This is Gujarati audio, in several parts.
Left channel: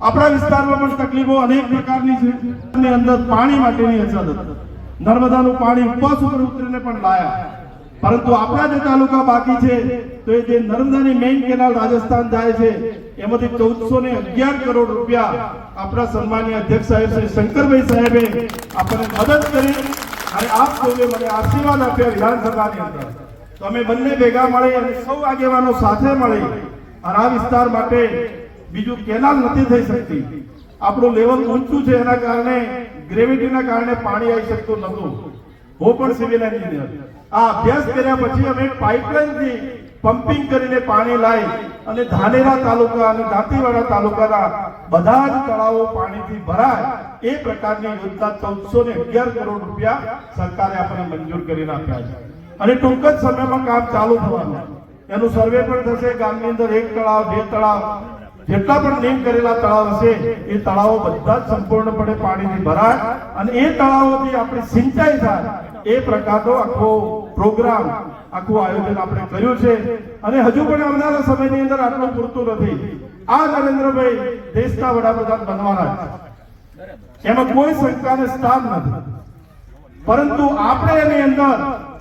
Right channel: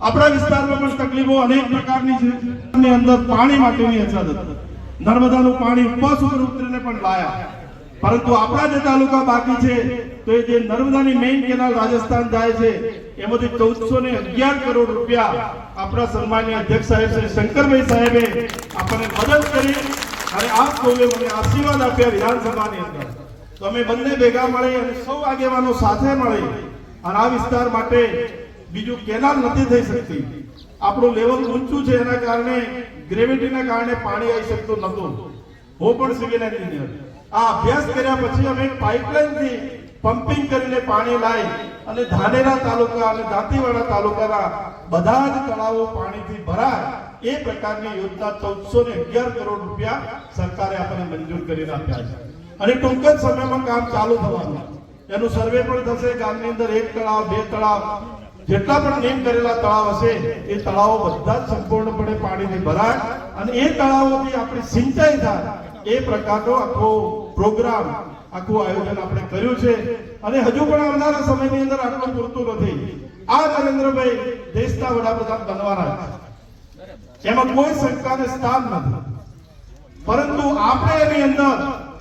આપણા વિસ્તારમાં પણ તકલીફો અનેક પ્રકારની છે અને અંદર પાણી માટેની અછત હતી. નર્મદાનું પાણી ઉપવાસ ઉપર ઉતરીને પણ લાયા. પરંતુ આપણા જે તાલુકા બાકી છે, તો એ જે નર્મદાની મેઇન કેનાલ રાજસ્થાન જાય છે, એમાંથી ચૌદસો ને અગિયાર કરોડ રૂપિયા આપણા સન્માનીય અધ્યક્ષ સાહેબ શ્રી શંકરભાઈ સાહેબે આપણને મદદ કરી અને આપ સૌએ મને આશીર્વાદ આપ્યા વિધાનસભાની અંદર. તો અમે બંને ભેગા મળી અને સૌ આગેવાનો સાથે મળી અને આ વિસ્તાર માટે બીજું કેનાલ નથી થઈ શકતી. આપણું લેવલ ઊંચું છે એના કારણે ગ્રેવિટીના કારણે પાણી આવી શકતું નહોતું. હું પણ સિવિલ એન્જિનિયર આ અભ્યાસ કર્યા પછી અમે પાઇપલાઇનથી પમ્પિંગ કરીને પાણી લાવી અને ધાનેરા તાલુકા અને દાંતીવાડા તાલુકાના બધા જ તળાવો પાણીથી ભરાય એ પ્રકારની યોજના ચૌદસો ને અગિયાર કરોડ રૂપિયા સરકારે આપણને મંજૂર કરીને આપ્યા છે. અને ટૂંક જ સમયમાં કામ ચાલુ થવાનું. એનું સર્વે પણ થશે. ગામની અંદર એક તળાવ, બે તળાવ જેટલા પણ નેમ કરેલા તળાવ હશે, એ તળાવો બધા જ સંપૂર્ણપણે પાણીથી ભરાય અને એ તળાવોથી આપણી સિંચાઈ થાય. એ પ્રકારનો આખો પ્રોગ્રામ, આખું આયોજન આપણે કર્યું છે. અને હજુ પણ આવનારા સમયની અંદર આટલું પૂરતું નથી. આ નરેન્દ્રભાઈ દેશના વડાપ્રધાન બનવાના છે. એમાં કોઈ શંકાને સ્થાન નથી. પરંતુ આપણે એની અંદર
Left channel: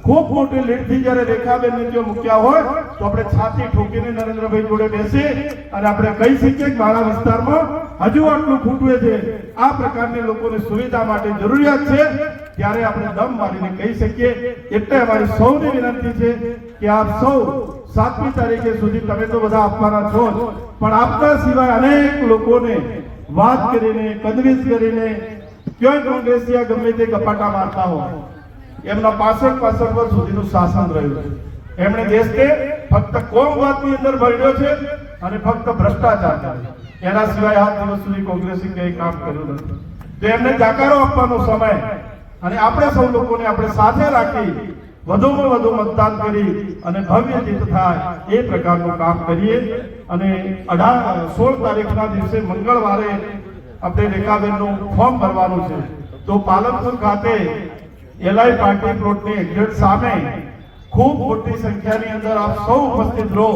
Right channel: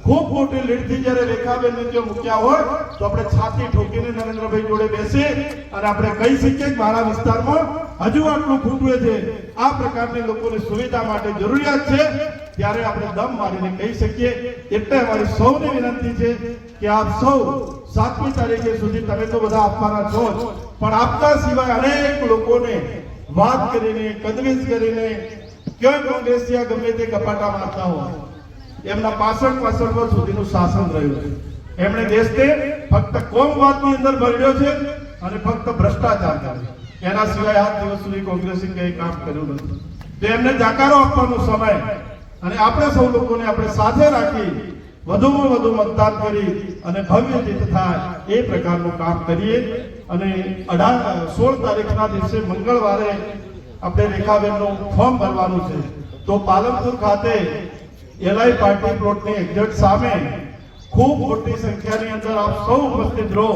ખૂબ મોટી લીડથી જ્યારે રેખાબેનને જો મૂક્યા હોય, તો આપણે છાતી ઠોકીને નરેન્દ્રભાઈ જોડે બેસી અને આપણે કહી શકીએ કે મારા વિસ્તારમાં હજુ આટલું ખૂટવે છે. આ પ્રકારની લોકોની સુવિધા માટે જરૂરિયાત છે. ત્યારે આપણે દમ મારીને કહી શકીએ, એટલે અમારી સૌની વિનંતી છે કે આપ સૌ સાતમી તારીખે સુધી તમે તો બધા આપવાના છો પણ આપતા સિવાય અનેક લોકોને વાત કરીને, કન્વિન્સ કરીને ક્યાંય કોંગ્રેસિયા ગમે તે કપાટા મારતા હોય. એમના પાસઠ પાસઠ વર્ષ સુધીનું શાસન રહ્યું છે. એમણે દેશને ફક્ત કોમવાદની અંદર ભર્યો છે અને ફક્ત ભ્રષ્ટાચાર. એના સિવાય આ દિવસ સુધી કોંગ્રેસે કંઈ કામ કર્યું નથી. તો એમને જાકારો આપવાનો સમય અને આપણે સૌ લોકોને આપણે સાથે રાખી વધુમાં વધુ મતદાન કરી અને ભવ્ય જીત થાય એ પ્રકારનું કામ કરીએ અને અઢાર સોળ તારીખના દિવસે મંગળવારે આપણે રેખાબેનનું ફોર્મ ભરવાનું છે. તો પાલનપુર ખાતે એલઆઈ પાર્ટી પ્લોટની એક્ઝેક્ટ સામે ખૂબ મોટી સંખ્યાની અંદર આપ સૌ ઉપસ્થિત રહો.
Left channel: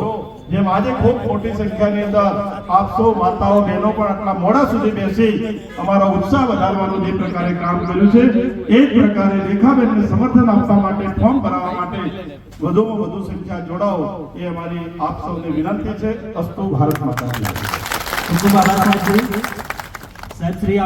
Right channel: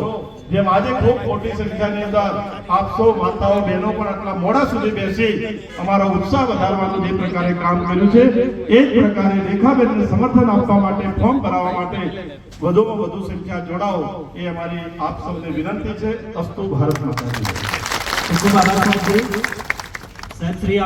જેમ આજે ખૂબ મોટી સંખ્યાની અંદર આપ સૌ માતાઓ, બહેનો પણ આટલા મોડા સુધી બેસી અમારો ઉત્સાહ વધારવાનું જે પ્રકારે કામ કર્યું છે, એ જ પ્રકારે રેખાબેનને સમર્થન આપવા માટે, ફોર્મ ભરાવવા માટે વધુમાં વધુ સંખ્યા જોડાઓ એ અમારી આપ સૌને વિનંતી છે. અસ્તુ ભારત માતા સાહેબ, શ્રી